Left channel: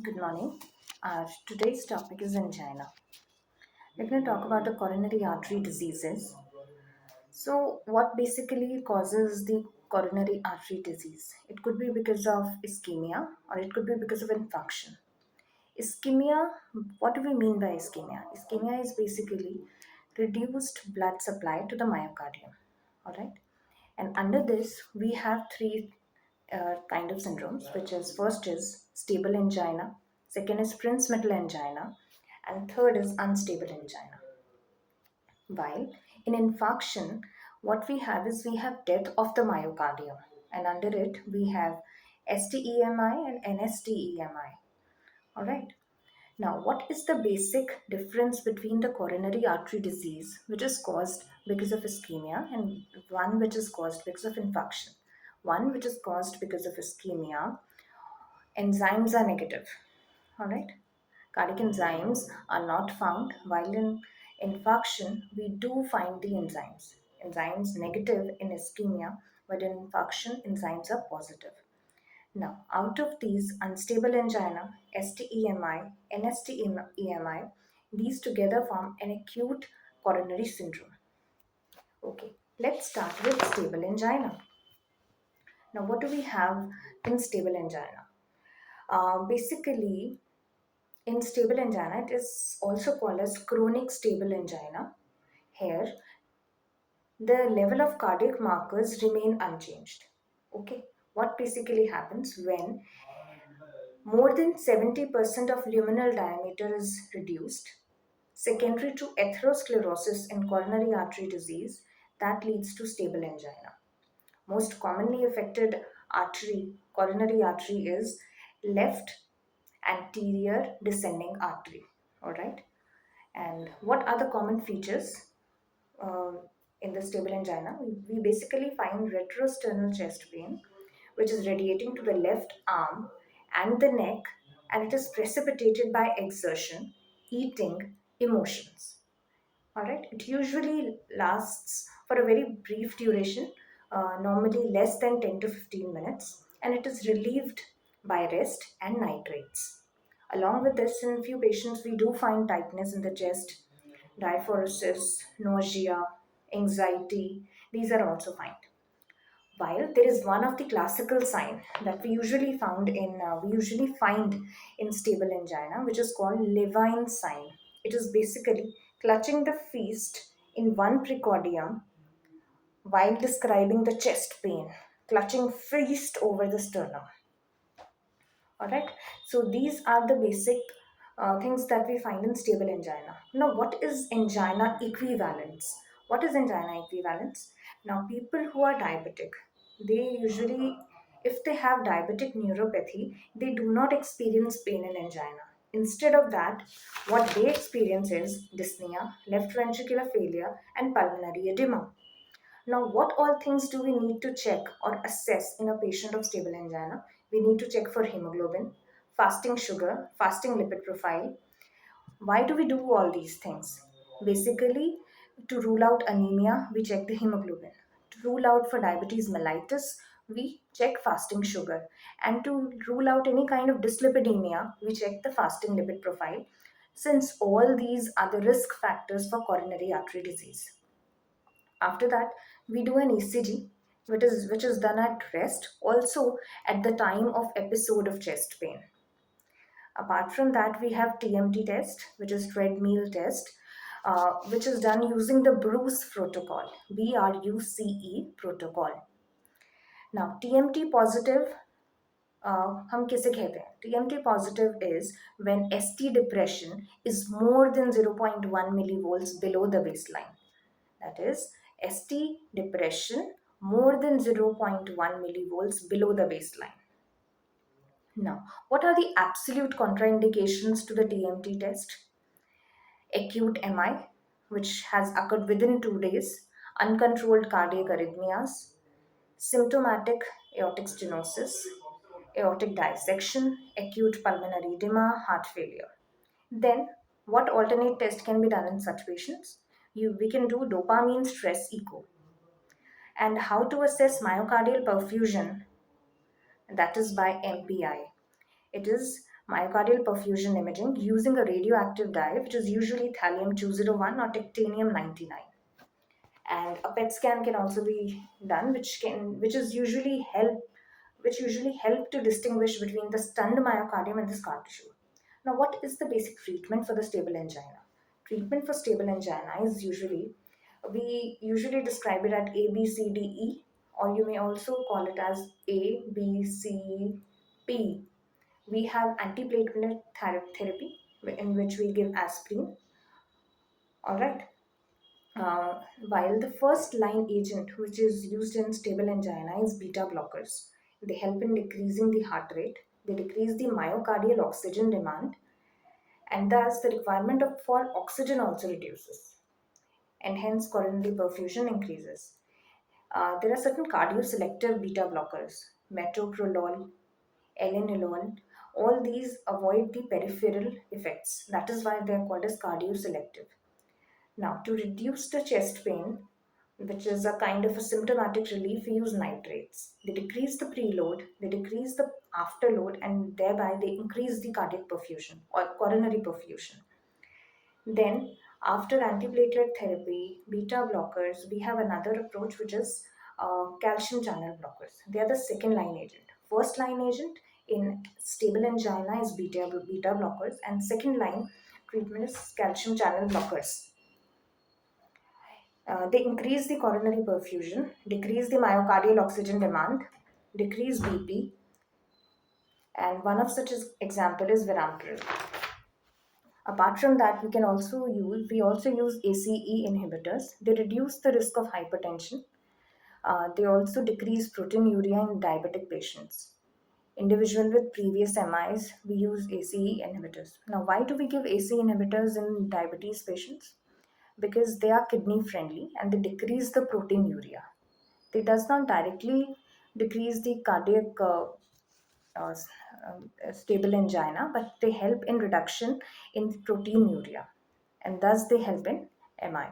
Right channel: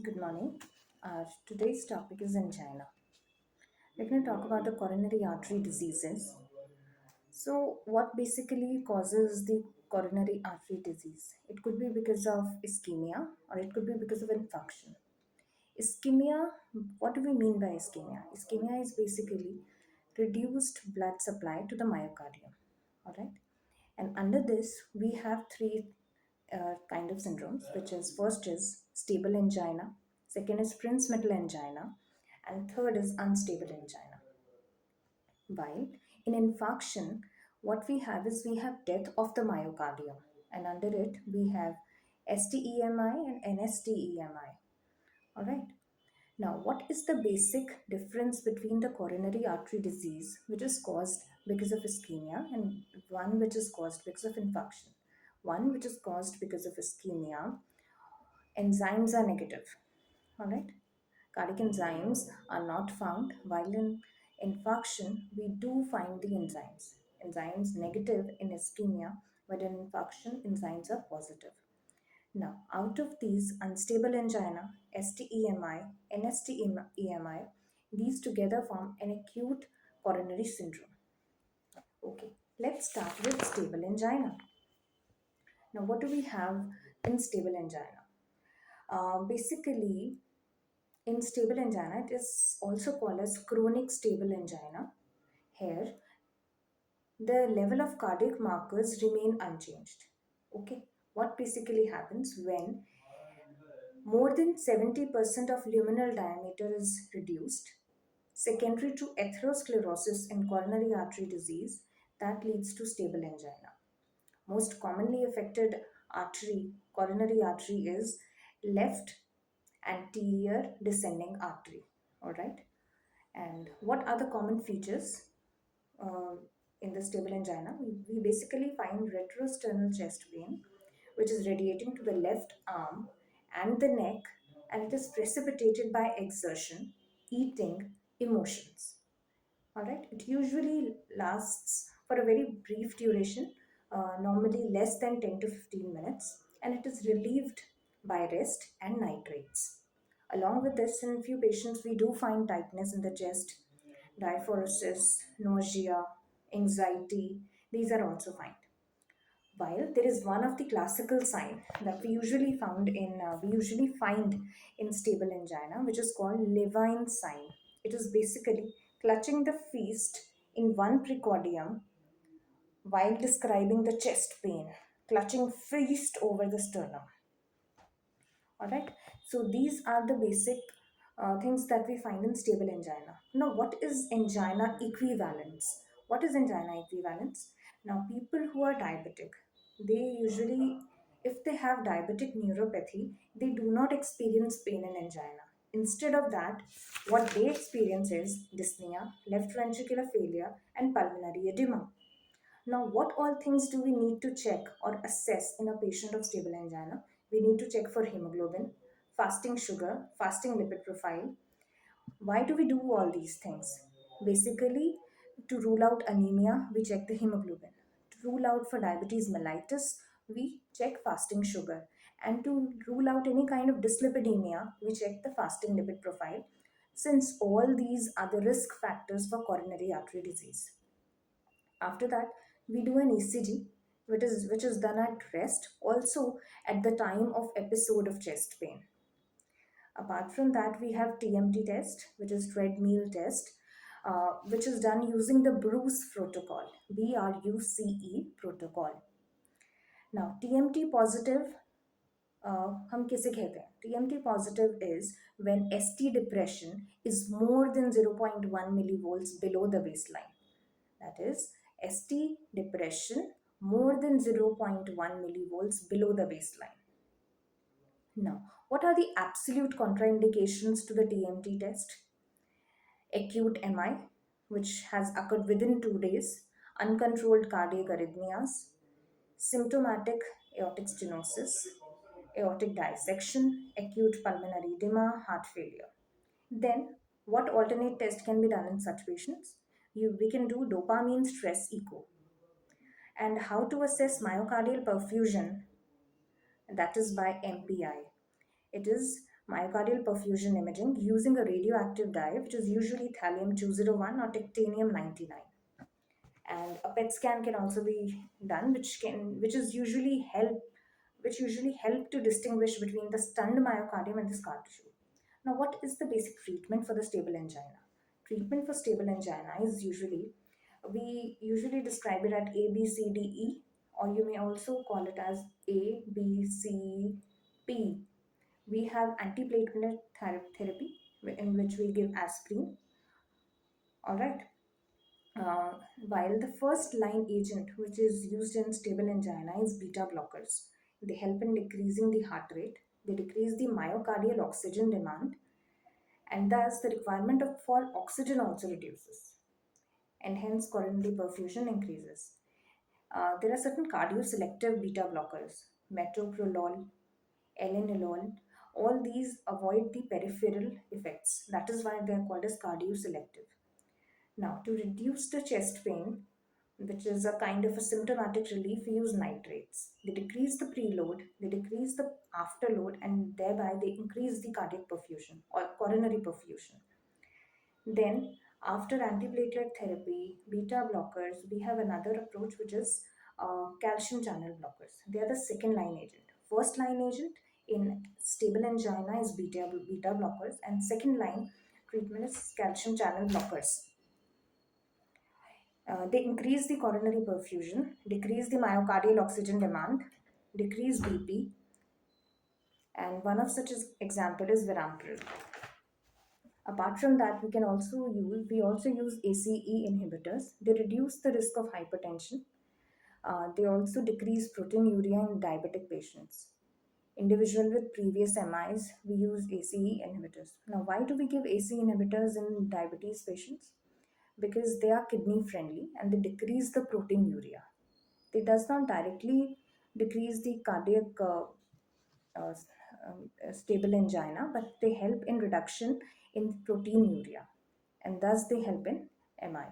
Good morning. Today's topic is angina. We're going to talk about the coronary artery diseases. So, what basically causes the coronary artery disease? It could be because of ischemia or it could be because of infarction. Ischemia, what do we mean by ischemia? Ischemia is basically reduced blood supply to the myocardium. All right. And under this, we have three kind of syndromes, which is first is stable angina, second is Prinzmetal angina, and third is unstable angina. While in infarction, what we have is we have death of the myocardium, and under it we have STEMI and NSTEMI. All right. Now, what is the basic difference between the coronary artery disease, which is caused because of ischemia, and one which is caused because of infarction? One which is caused because of ischemia, enzymes are negative. All right. Cardiac enzymes are not found, while in infarction, we do find the enzymes. Enzymes negative in ischemia, but in infarction, enzymes are positive. Now, out of these unstable angina, STEMI, NSTEMI, these together form an acute coronary syndrome. Okay, let's start with stable angina. Now, what do we have in stable angina? Basically, in stable angina, it is also called as chronic stable angina. Here, the level of cardiac markers remain unchanged. Okay, what basically happens when more than 70% of luminal diameter is reduced, secondary to atherosclerosis in coronary artery disease, that leads to stable angina. Most commonly affected artery, coronary artery, is left anterior descending artery. All right. And what are the common features uh, in the stable angina? We basically find retrosternal chest pain, which is radiating to the left arm and the neck, and it is precipitated by exertion, eating, emotions. All right, it usually lasts for a very brief duration, normally less than 10 to 15 minutes, and it is relieved by rest and nitrates. Along with this, in few patients, we do find tightness in the chest, diaphoresis, nausea, anxiety. These are also found. While there is one of the classical sign that we usually find in stable angina, which is called Levine sign. It is basically clutching the fist in one precordium while describing the chest pain, clutching fist over the sternum. All right. So these are the basic things that we find in stable angina. Now, what is angina equivalence? What is angina equivalence? Now, people who are diabetic, they usually, if they have diabetic neuropathy, they do not experience pain in angina. Instead of that, what they experience is dyspnea, left ventricular failure, and pulmonary edema. Now, what all things do we need to check or assess in a patient of stable angina? We need to check for hemoglobin, fasting sugar, fasting lipid profile. Why do we do all these things? Basically, to rule out anemia, we check the hemoglobin. To rule out for diabetes mellitus, we check fasting sugar. And to rule out any kind of dyslipidemia, we check the fasting lipid profile, since all these are the risk factors for coronary artery disease. After that, we do an ECG, which is done at rest, also at the time of episode of chest pain. Apart from that, we have TMT test, which is treadmill test, which is done using the Bruce protocol, BRUCE protocol. Now, TMT positive, हम किसे कहते हैं? TMT positive is when ST depression is more than 0.1 millivolts below the baseline. That is, ST depression more than 0.1 millivolts below the baseline. Now, what are the absolute contraindications to the TMT test? Acute MI, which has occurred within 2 days, uncontrolled cardiac arrhythmias, symptomatic aortic stenosis, aortic dissection, acute pulmonary edema, heart failure. Then, what alternate test can be done in such patients? We can do dopamine stress echo. And how to assess myocardial perfusion, that is by MPI. It is myocardial perfusion imaging using a radioactive dye, which is usually thallium 201 or titanium 99. And a PET scan can also be done, which usually help to distinguish between the stunned myocardium and the scar tissue. Now, what is the basic treatment for the stable angina? Treatment for stable angina is we usually describe it at A, B, C, D, E, or you may also call it as A, B, C, P. We have antiplatelet therapy in which we give aspirin. All right. Uh, while the first line agent, which is used in stable angina, is beta blockers. They help in decreasing the heart rate, they decrease the myocardial oxygen demand, and thus the requirement for oxygen also reduces, and hence coronary perfusion increases. There are certain cardioselective beta blockers, metoprolol, alenolol. All these avoid the peripheral effects. That is why they are called as cardioselective. Now, to reduce the chest pain, which is a kind of a symptomatic relief, we use nitrates. They decrease the preload, they decrease the afterload, and thereby they increase the cardiac perfusion or coronary perfusion. Then, after antiplatelet therapy, beta blockers, we have another approach which is calcium channel blockers. They are the second line agent. First line agent in stable angina is beta blockers, and second line treatment is calcium channel blockers. They increase the coronary perfusion, decrease the myocardial oxygen demand, decrease BP, and one of such example is Viramtril. Apart from that, we also use ACE inhibitors. They reduce the risk of hypertension. They also decrease proteinuria in diabetic patients. Individual with previous MIs, we use ACE inhibitors. Now, why do we give ACE inhibitors in diabetes patients? Because they are kidney friendly and they decrease the proteinuria. They does not directly decrease the cardiac stable angina, but they help in reduction in proteinuria, and thus they help in MI.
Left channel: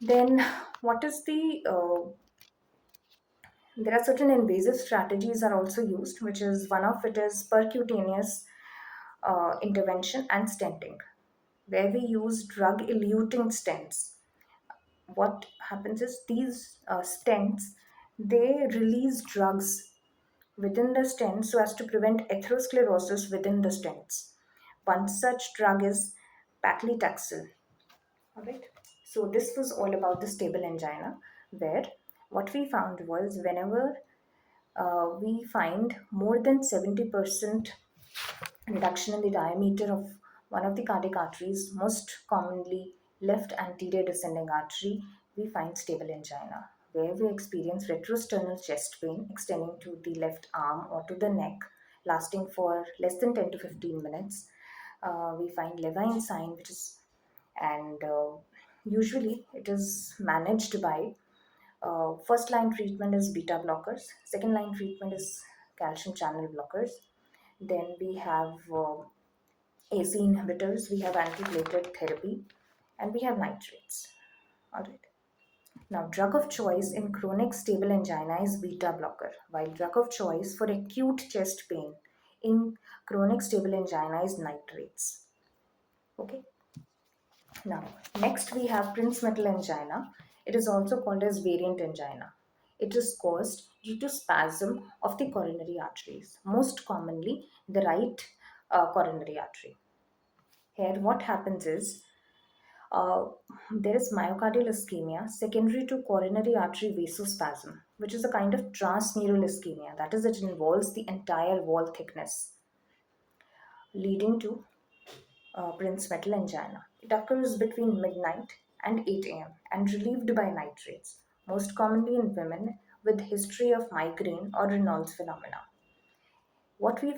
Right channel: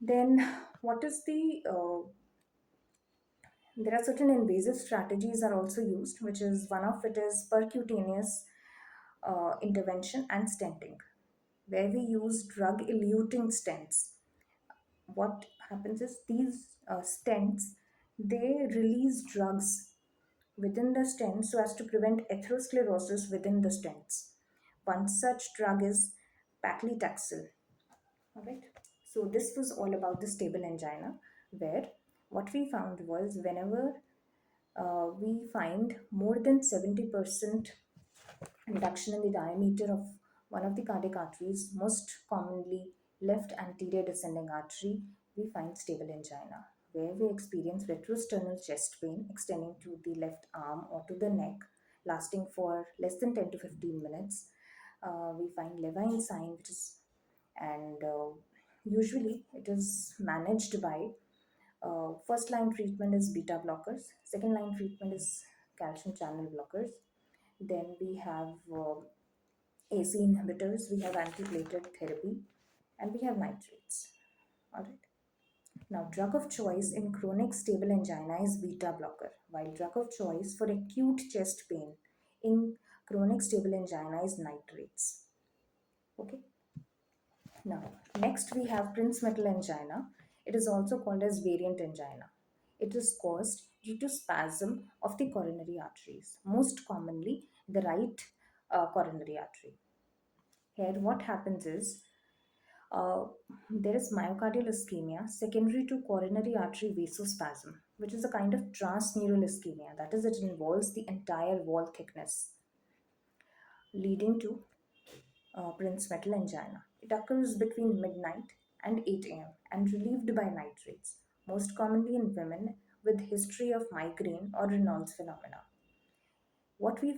Then, what is the there are certain invasive strategies are also used, which is one of it is percutaneous intervention and stenting, where we use drug-eluting stents. What happens is these stents, they release drugs within the stents so as to prevent atherosclerosis within the stents. One such drug is paclitaxel. All right. So this was all about the stable angina, where what we found was whenever we find more than 70% reduction in the diameter of one of the cardiac arteries, most commonly left anterior descending artery, we find stable angina, where we experience retrosternal chest pain extending to the left arm or to the neck, lasting for less than 10 to 15 minutes. We find Levine sign, which is, and usually it is managed by first line treatment is beta blockers, second line treatment is calcium channel blockers. Then we have AC inhibitors, we have antiplatelet therapy, and we have nitrates. All right. Now, drug of choice in chronic stable angina is beta blocker, while drug of choice for acute chest pain in chronic stable angina is nitrates. Okay. Now, next we have Prinzmetal angina. It is also called as variant angina. It is caused due to spasm of the coronary arteries, most commonly the right coronary artery. Here, what happens is uh, there is myocardial ischemia secondary to coronary artery vasospasm, which is a kind of transmural ischemia. That is, it involves the entire wall thickness, leading to Prinzmetal angina. It occurs between midnight and 8 a.m. and relieved by nitrates, most commonly in women with history of migraine or Reynolds phenomena. What we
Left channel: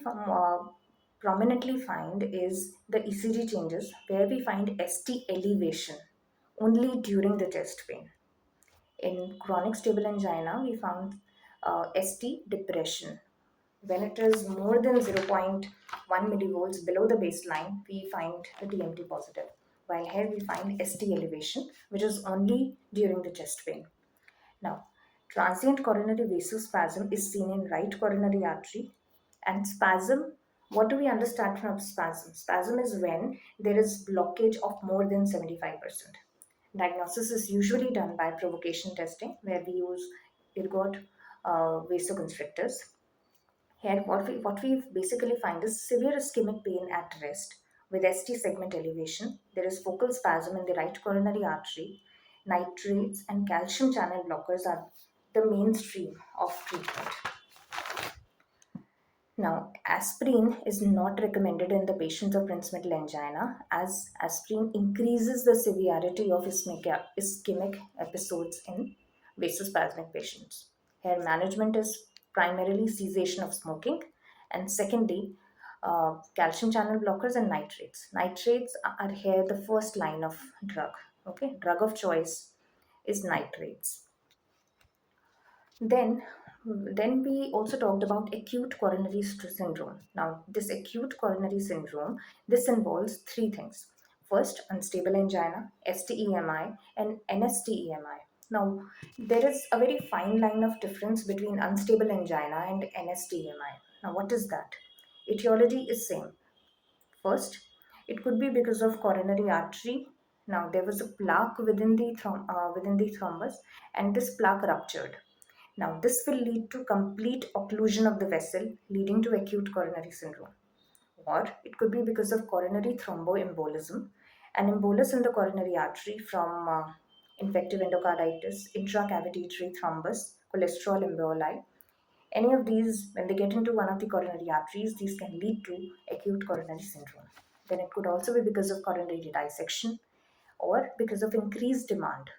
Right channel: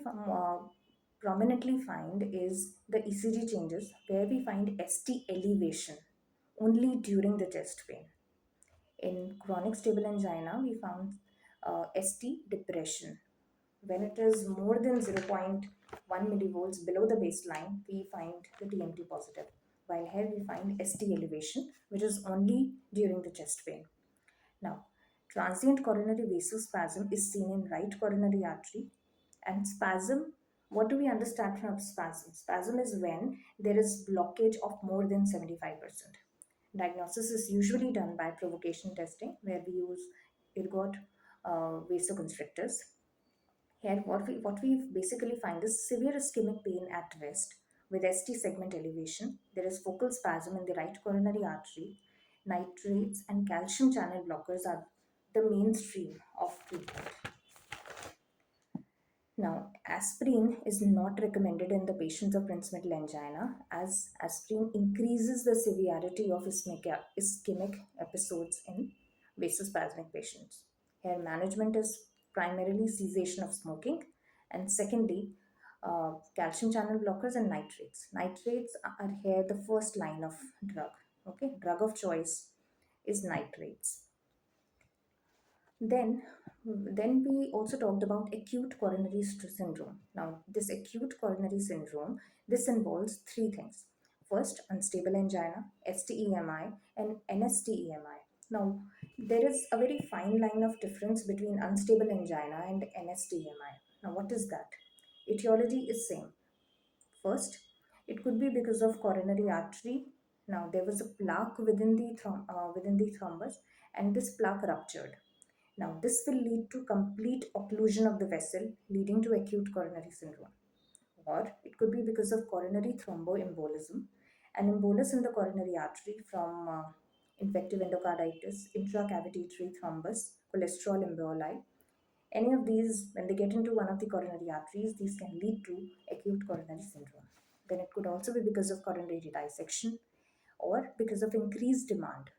prominently find is the ECG changes, where we find ST elevation only during the chest pain. In chronic stable angina, we found ST depression. When it is more than 0.1 millivolts below the baseline, we find the TMT positive. While here we find ST elevation, which is only during the chest pain. Now, transient coronary vasospasm is seen in right coronary artery, and spasm What do we understand from spasm? Spasm is when there is blockage of more than 75%. Diagnosis is usually done by provocation testing, where we use ergot vasoconstrictors. Here, what we basically find is severe ischemic pain at rest with ST segment elevation. There is focal spasm in the right coronary artery. Nitrates and calcium channel blockers are the mainstream of treatment. Now, aspirin is not recommended in the patients of Prinzmetal angina, as aspirin increases the severity of ischemic episodes in vasospasmic patients. Here, management is primarily cessation of smoking, and secondly, calcium channel blockers and nitrates. Nitrates are here the first line of drug. Okay, drug of choice is nitrates. Then, then we also talked about acute coronary syndrome. Now, this acute coronary syndrome, this involves three things. First, unstable angina, STEMI, and NSTEMI. Now, there is a very fine line of difference between unstable angina and NSTEMI. Now, what is that? Etiology is same. First, it could be because of coronary artery. Now, there was a plaque within the thrombus, and this plaque ruptured. Now, this will lead to complete occlusion of the vessel, leading to acute coronary syndrome. Or it could be because of coronary thromboembolism, an embolus in the coronary artery from infective endocarditis, intracavitary thrombus, cholesterol emboli. Any of these, when they get into one of the coronary arteries, these can lead to acute coronary syndrome. Then it could also be because of coronary dissection or because of increased demand.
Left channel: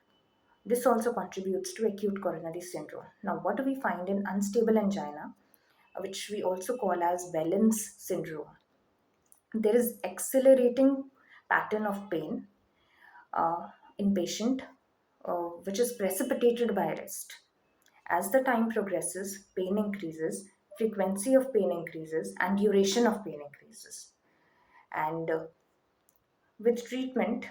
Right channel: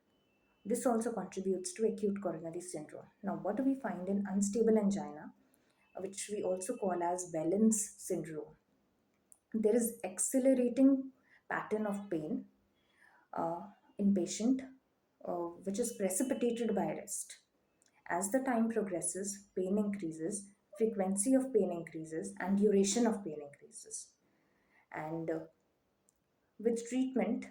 This also contributes to acute coronary syndrome. Now, what do we find in unstable angina, which we also call as Balance syndrome? There is accelerating pattern of pain in patient, which is precipitated by rest. As the time progresses, pain increases, frequency of pain increases, and duration of pain increases. And with treatment,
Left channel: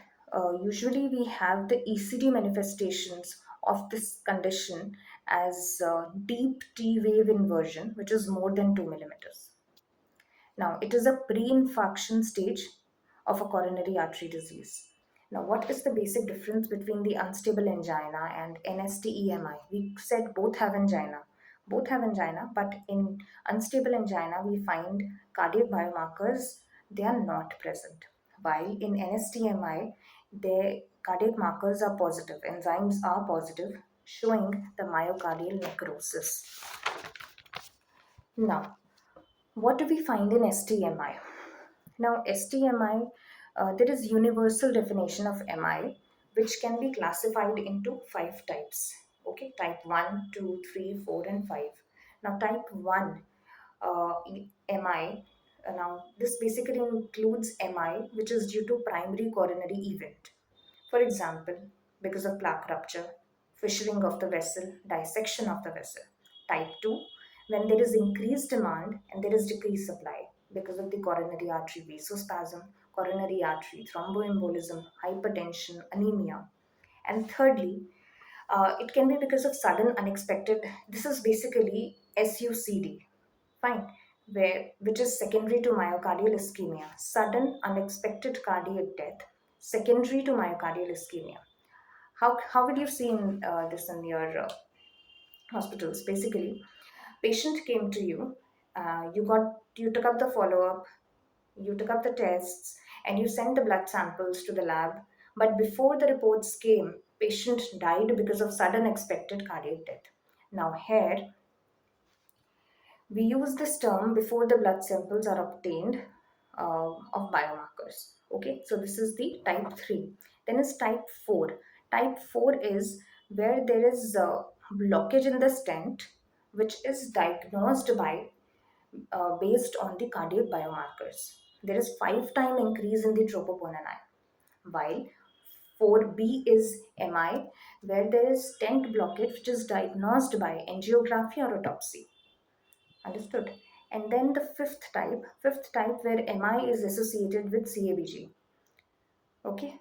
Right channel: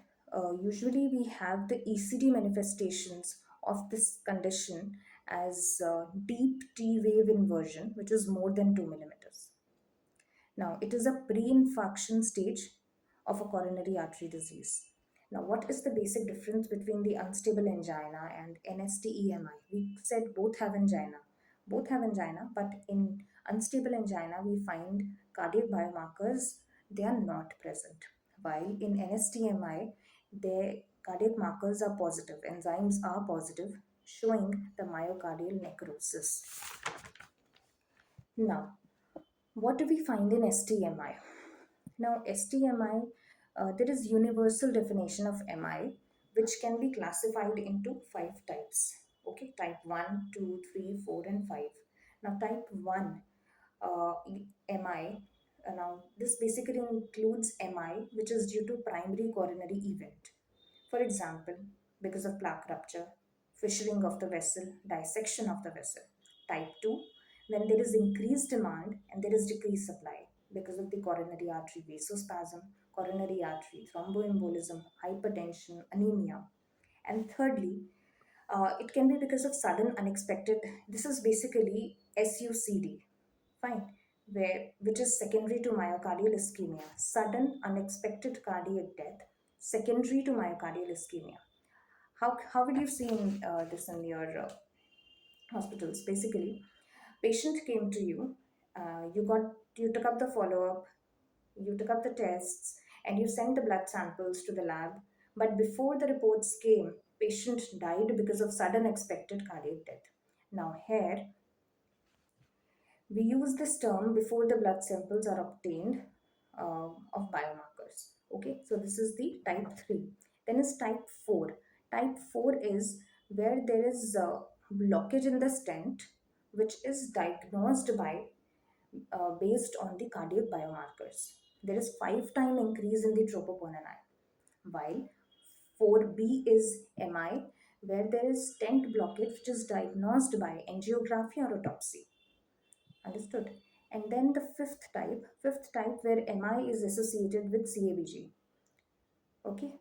usually we have the ECD manifestations of this condition as deep T wave inversion, which is more than 2 millimeters. Now, it is a pre infarction stage of a coronary artery disease. Now, what is the basic difference between the unstable angina and NSTEMI? We said both have angina. Both have angina, but in unstable angina, we find cardiac biomarkers, they are not present. While in NSTEMI, the cardiac markers are positive, enzymes are positive, showing the myocardial necrosis. Now, what do we find in STMI? Now, STMI, there is universal definition of MI, which can be classified into five types. Okay, type 1, 2, 3, 4, and 5. Now, type 1 MI, now this basically includes MI, which is due to primary coronary event. For example, because of plaque rupture, fissuring of the vessel, dissection of the vessel. Type 2, when there is increased demand and there is decreased supply because of the coronary artery vasospasm, coronary artery thromboembolism, hypertension, anemia. And thirdly, it can be because of sudden unexpected, this is basically SUCD, fine, which is secondary to myocardial ischemia, sudden unexpected cardiac death, secondary to myocardial ischemia. How will you see this in your hospitals? Basically, patient came to you, you took up the follow up, you took up the tests, and you sent the blood samples to the lab. But before the reports came, patient died because of sudden expected cardiac death. Now here we use this term before the blood samples are obtained of biomarkers. Okay, so this is the type 3. Then is type 4. Type 4 is where there is blockage in the stent, which is diagnosed by based on the cardiac biomarkers. There is 5-time increase in the troponin I, while 4B is MI, where there is stent blockage, which is diagnosed by angiography or autopsy. Understood? And then the fifth type where MI is associated with CABG. Okay.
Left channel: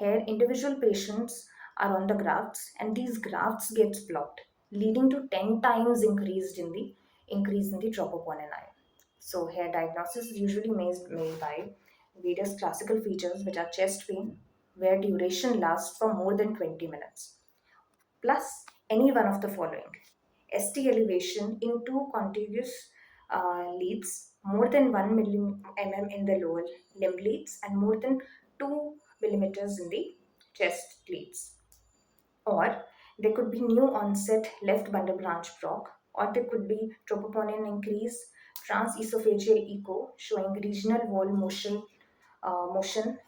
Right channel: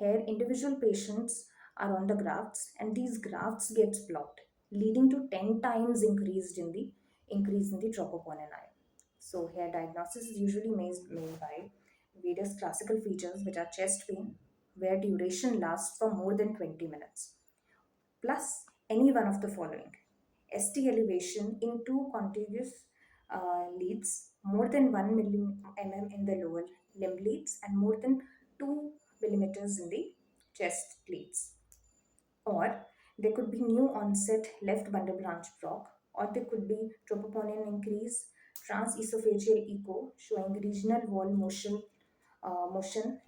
Here, individual patients are on the grafts, and these grafts gets blocked, leading to 10 times increase in the troponin I. So here diagnosis is usually made by various classical features which are chest pain, where duration lasts for more than 20 minutes, plus any one of the following: ST elevation in two contiguous leads, more than 1 mm in the lower limb leads, and more than 2 millimeters in the chest leads. Or there could be new onset left bundle branch proc, or there could be troponin increase, transesophageal echo showing regional wall motion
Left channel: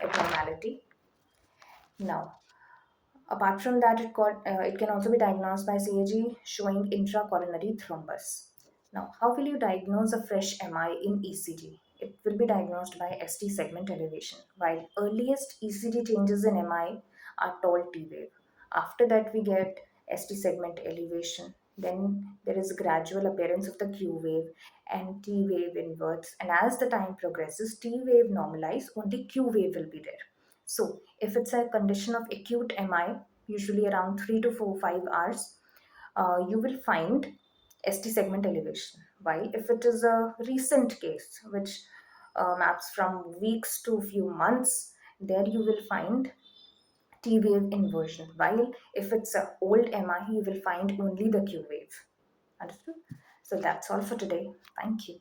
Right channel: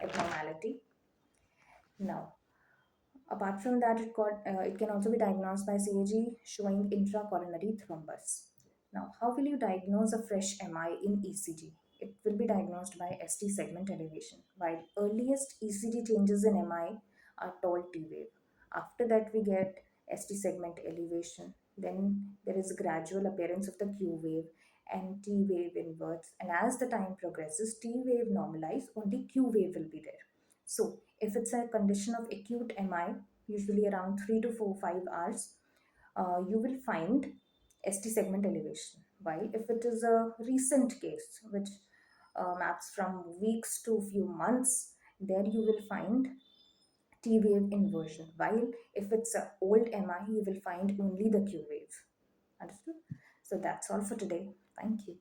abnormality. Now, apart from that, it can also be diagnosed by CAG showing intracoronary thrombus. Now, how will you diagnose a fresh MI in ECG? It will be diagnosed by ST segment elevation, while earliest ECG changes in MI are tall T wave. After that, we get ST segment elevation. Then there is gradual appearance of the Q wave and T wave inverts. And as the time progresses, T wave normalize, only Q wave will be there. So, if it's a condition of acute MI, usually around 3 to 4, 5 hours, you will find ST segment elevation. While if it is a recent case, which maps from weeks to few months, there you will find T wave inversion. While if it's a old MI, you will find only the Q wave. Understood? So that's all for today. Thank you.